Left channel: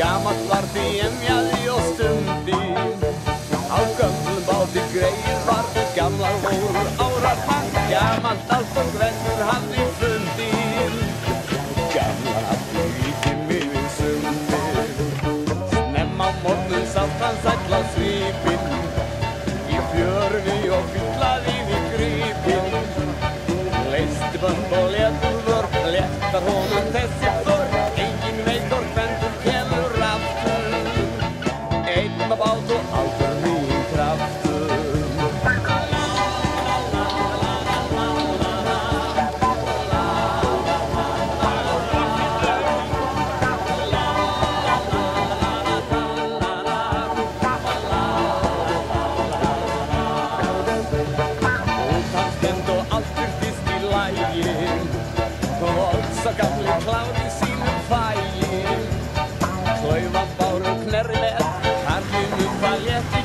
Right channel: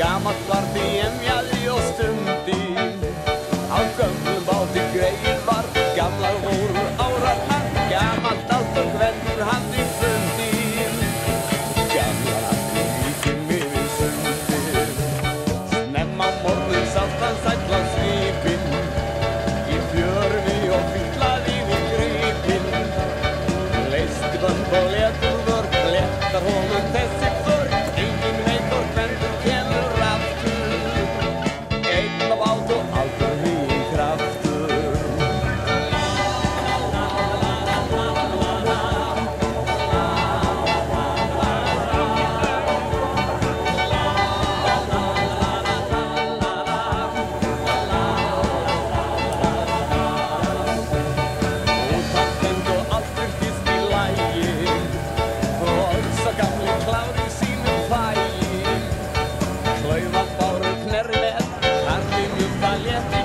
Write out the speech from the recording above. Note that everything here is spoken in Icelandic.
Gamalt var því emjaði og stundi. Á gömlum báti greið var gamlar voru árar mann. Gamalt allt og gvendur hann í fundi. Gamlar allt í líkin yfir sundi. Snemma morgun sást hann sæll á svipinn. Í fjörfi og fyllaði við gripinn. Leisti bönd og letur vörn, letar honum þessi vörn. Engin veit og gvendur kemur aftur. Einn af bát og aldur nýjum kraftur. Útan stend og allt virtist í lagi. Og sá gamli kláði sínum fægi. Klaufan báru knerri með, hann var létt